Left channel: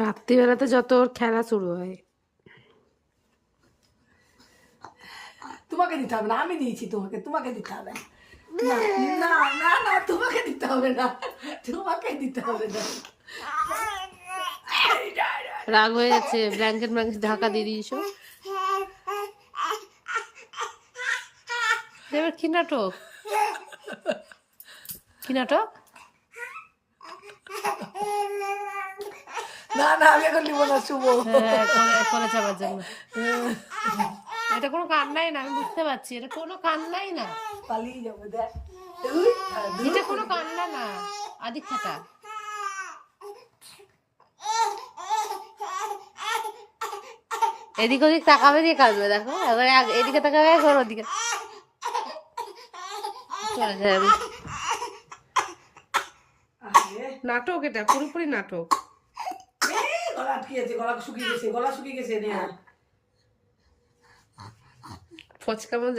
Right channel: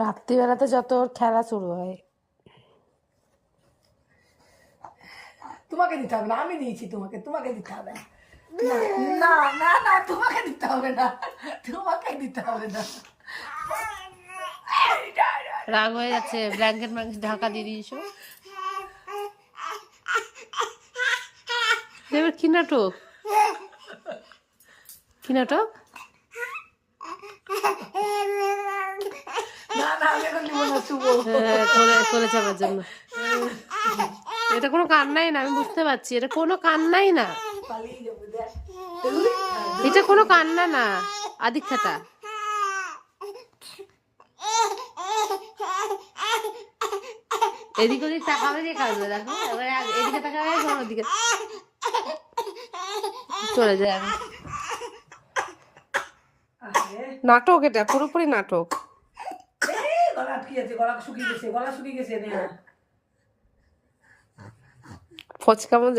রাত্রিবেলাতে যত ওর খেলা শুরু হয়। তোমাকে দিতে হবে না, আমি দিয়েছি তোমাকে, তোমাকে দিতে হবে না। না না না, তোমাকে দিতে হবে না, তোমাকে দিতে হবে না। রাগ হয়ে যাচ্ছে, ব্ল্যাঙ্কেট ঢাকা দিয়ে দিয়েছো। এবার কি নাটক, কি নাটক? না না, আমি এখন নিব না, শুভ। হ্যাঁ, কোলে চাপার জন্য। এটা কোনো কান্নাই না, আমি বুঝতে পারছি, এটা কোনো কান্নাই না, পালিয়ে যাবো, দেখ। এটা কোনো কান্না না। আদিক্ষাটা এদিক ওদিক তাকাবে দিয়ে কাঁদবে, দেখো এবার এদিকে তাকাবে, এখন ওদিকে চলে যায়। আমি নাটক, এটা পুরোপুরি নাটক। গলা আটকে আছে, গলা শুকিয়ে গেছে, গলা শুকিয়ে গেছে। ফচকা মন